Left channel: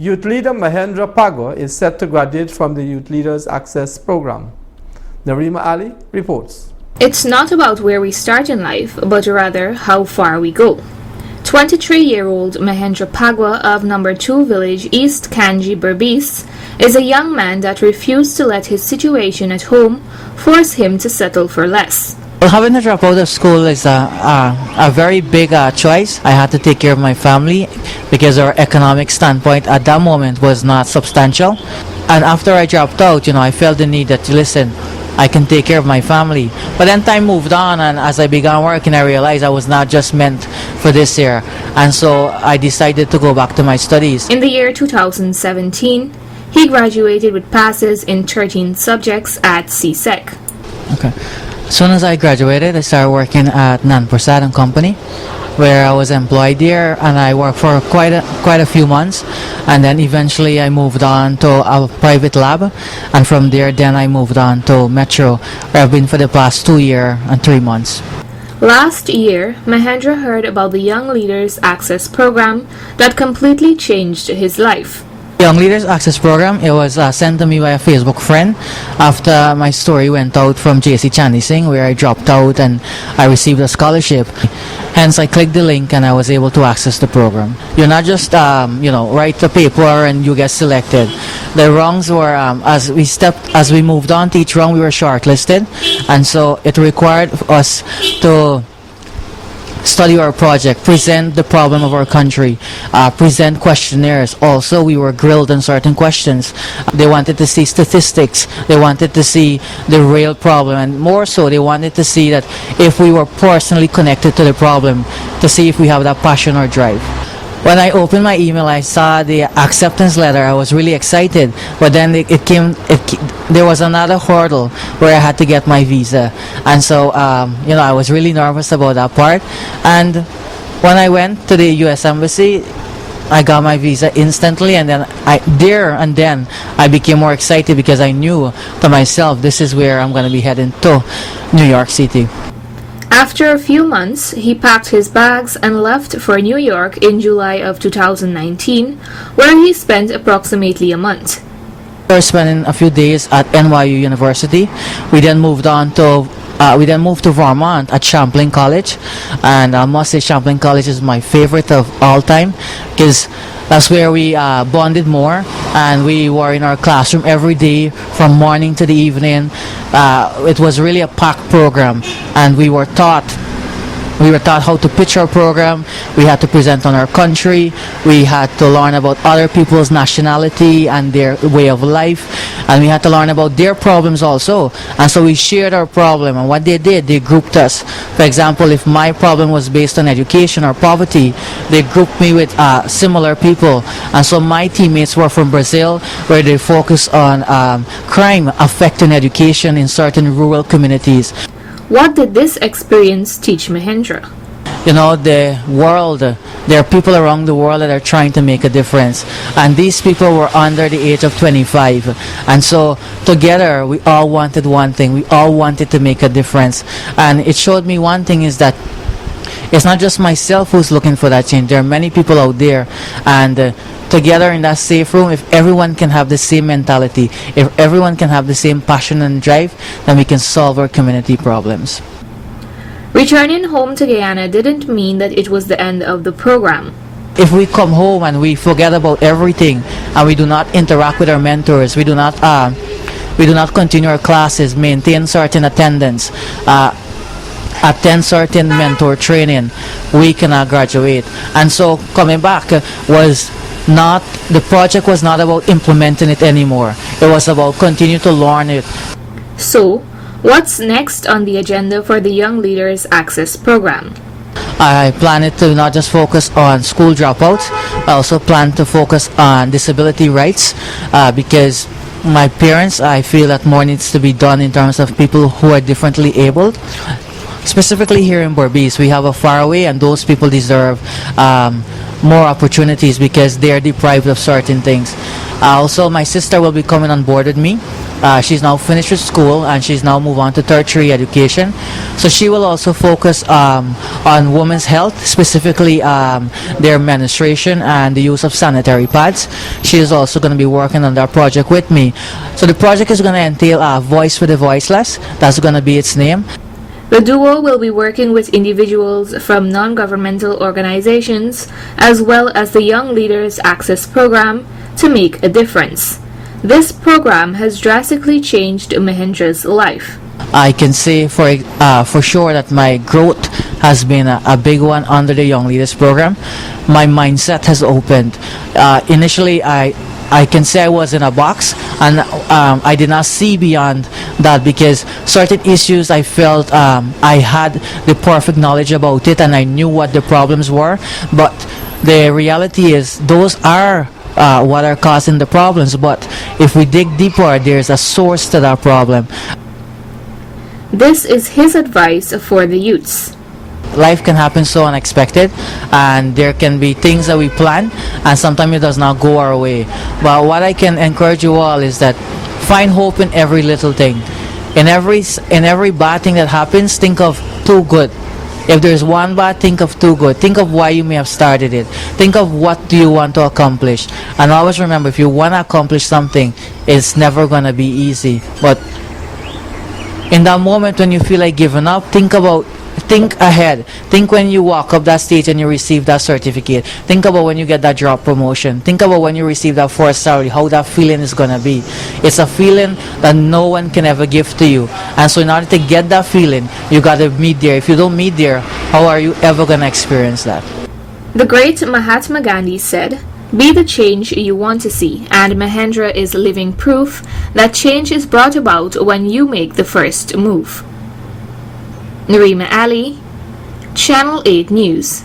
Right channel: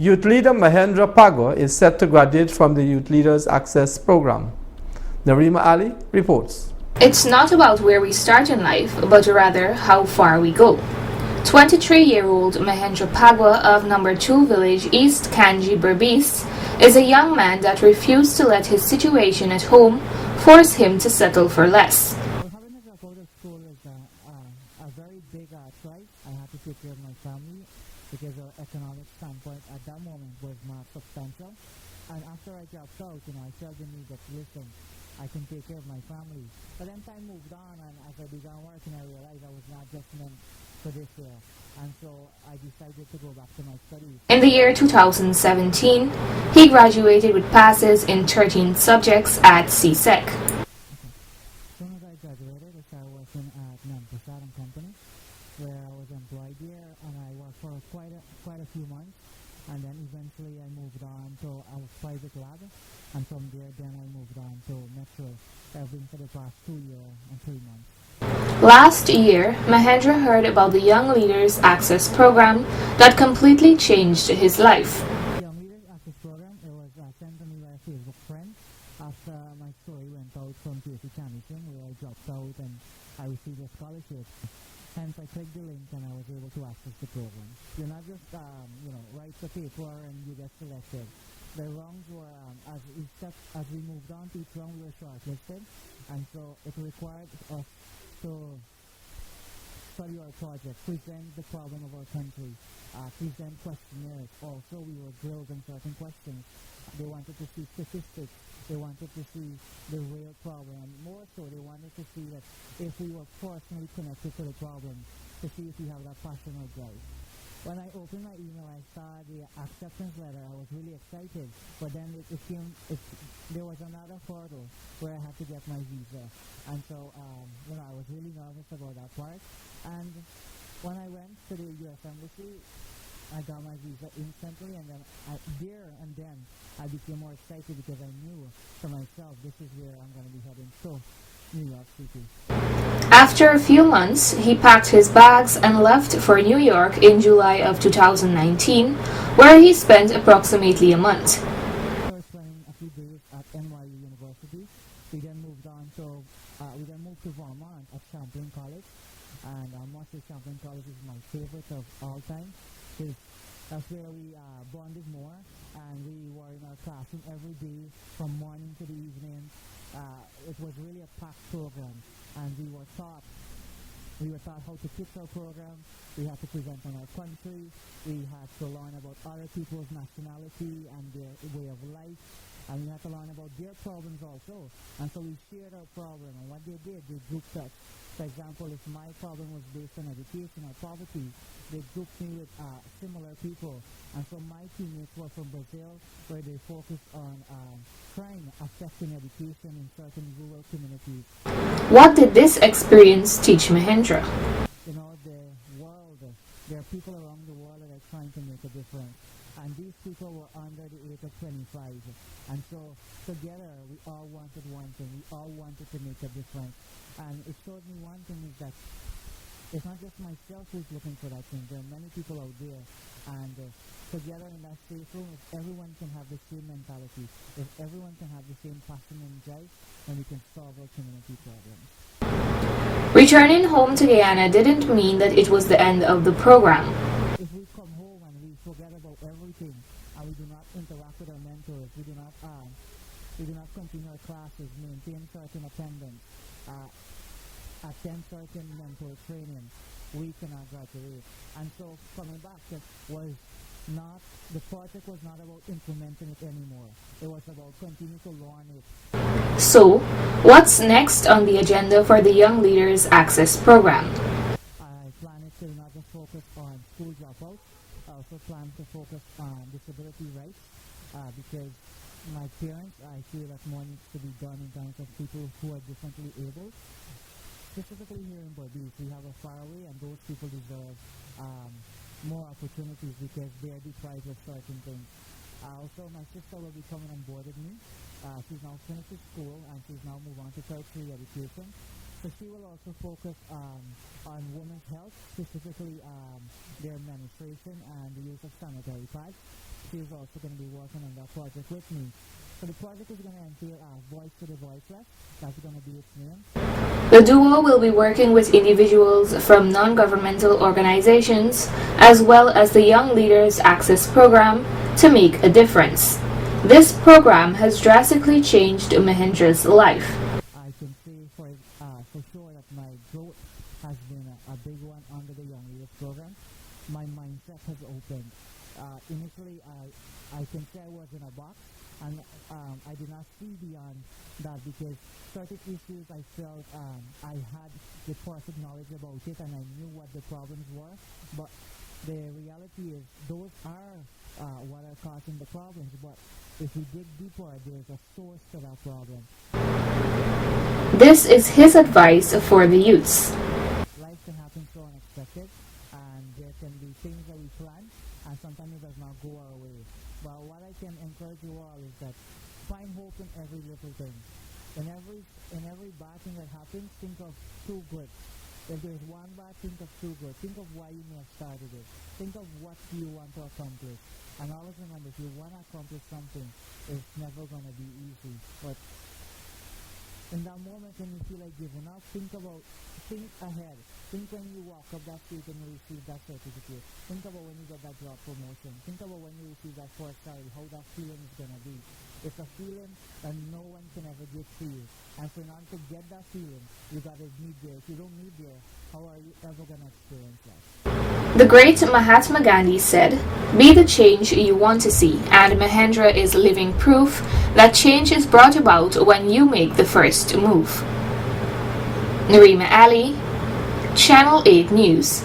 Youth leader Mahendra Phagwah is set to graduate from the Youth Leaders Access Program. Narima Ali reports. It's not about where we start in life, but rather how far we go. 23-year-old Mahendra Phagwah of No. 2 Village, East Kanji, Berbice, is a young man that refused to let his situation at home force him to settle for less. Well, having to drop out of school is a very big choice. I had to take care of my family because our economic standpoint at that moment was not substantial. And after I dropped out, I felt the need that, listen, I can take care of my family. But then time moved on, and as I began working, I realized I was not just meant for this year. And so I decided to go back to my studies. In the year 2017, he graduated with passes in 13 subjects at CSEC. Okay. As soon as I graduated, I started working at Nan Prasad and Company, where I was employed there, and I worked for quite a few months, and then eventually I moved on to a private lab, and from there then I moved on to Metro, where I've been for the past 2 years and 3 months. Last year, Mahendra heard about the Young Leaders Access Program that completely changed his life. Young Leaders Access Program, it was sent to me by a Facebook friend after my story went out from JC Chandy Singh, where I dropped out and I received a scholarship. Hence, I clicked the link and I was able to access the program. You're not just, write the paper and you get selected. The rounds were, as we moved on to each round, we were shortlisted, and so it required us to study our project, present the problem of our country, present questionnaires. Also, we were grilled on certain questions. They wanted to see statistics. They wanted to see the real problem, and more so, they wanted to see that if we were personally connected to the problem, to see if we have that passion or drive. When I opened my email, I saw the acceptance letter. I was really excited, but then there was another hurdle where I had to get my visa, and so I was really nervous about that part. And when I went to the U.S. Embassy, I got my visa instantly, and then I became more excited because I knew to myself, this is where I'm going to be heading to, New York City. After a few months, he packed his bags and left for New York in July of 2019, where he spent approximately a month. We were spending a few days at NYU University. We then moved to Vermont at Champlain College, and I must say Champlain College is my favorite of all time because that's where we bonded more, and we were in our classroom every day from morning to the evening. It was really a packed program, and we were taught how to pitch our program. We had to present on our country. We had to learn about other people's nationality and their way of life, and we had to learn about their problems also. And so we shared our problem, and what they did, they grouped us. For example, if my problem was based on education or poverty, they grouped me with similar people. And so my teammates were from Brazil, where they focus on crime affecting education in certain rural communities. What did this experience teach Mahendra? The world, there are people around the world that are trying to make a difference, and these people were under the age of 25, and so together we all wanted one thing. We all wanted to make a difference, and it showed me one thing is that it's not just myself who's looking for that change. There are many people out there, and together in that safe room, if everyone can have the same mentality, if everyone can have the same passion and drive, then we can solve our community problems. Returning home to Guyana didn't mean that it was the end of the program. If we come home and we forget about everything and we do not interact with our mentors, we do not continue our classes, maintain certain attendance, attend certain mentor training, we cannot graduate. And so coming back the project was not about implementing it anymore. It was about continue to learn it. So, what's next on the agenda for the Young Leaders Access Program? I plan to not just focus on school dropouts, I also plan to focus on disability rights because my parents, I feel that more needs to be done in terms of people who are differently abled. Specifically here in Berbice, we have a faraway, and those people deserve more opportunities because they are deprived of certain things. Also, my sister will be coming on board with me She's now finished with school and she's now moved on to tertiary education. So she will also focus on women's health, specifically their menstruation and the use of sanitary pads. She is also going to be working on that project with me. So the project is going to entail Voice for the Voiceless. That's going to be its name. The duo will be working with individuals from non-governmental organizations as well as the Young Leaders Access Program to make a difference. This program has drastically changed Mahendra's life. I can say for sure that my growth has been a big one under the Young Leaders Program. My mindset has opened. Initially, I can say I was in a box, and I did not see beyond that, because certain issues I felt I had the perfect knowledge about it and I knew what the problems were, but the reality is those are what are causing the problems. But if we dig deeper, there's a source to that problem. This is his advice for the youths. Life can happen so unexpected, and there can be things that we plan and sometimes it does not go our way. But what I can encourage you all is that find hope in every little thing. In every bad thing that happens, think of two good. If there's one bad, think of two good. Think of why you may have started it. Think of what do you want to accomplish. And always remember, if you want to accomplish something, it's never going to be easy. But in that moment when you feel like giving up, think ahead. Think when you walk up that stage and you receive that certificate. Think about when you get that job promotion. Think about when you receive that first salary, how that feeling is going to be. It's a feeling that no one can ever give to you. And so in order to get that feeling, you got to meet there. If you don't meet there, how are you ever going to experience that? The great Mahatma Gandhi said, "Be the change you want to see," and Mahendra is living proof that change is brought about when you make the first move. Narima Ali, Channel 8 News.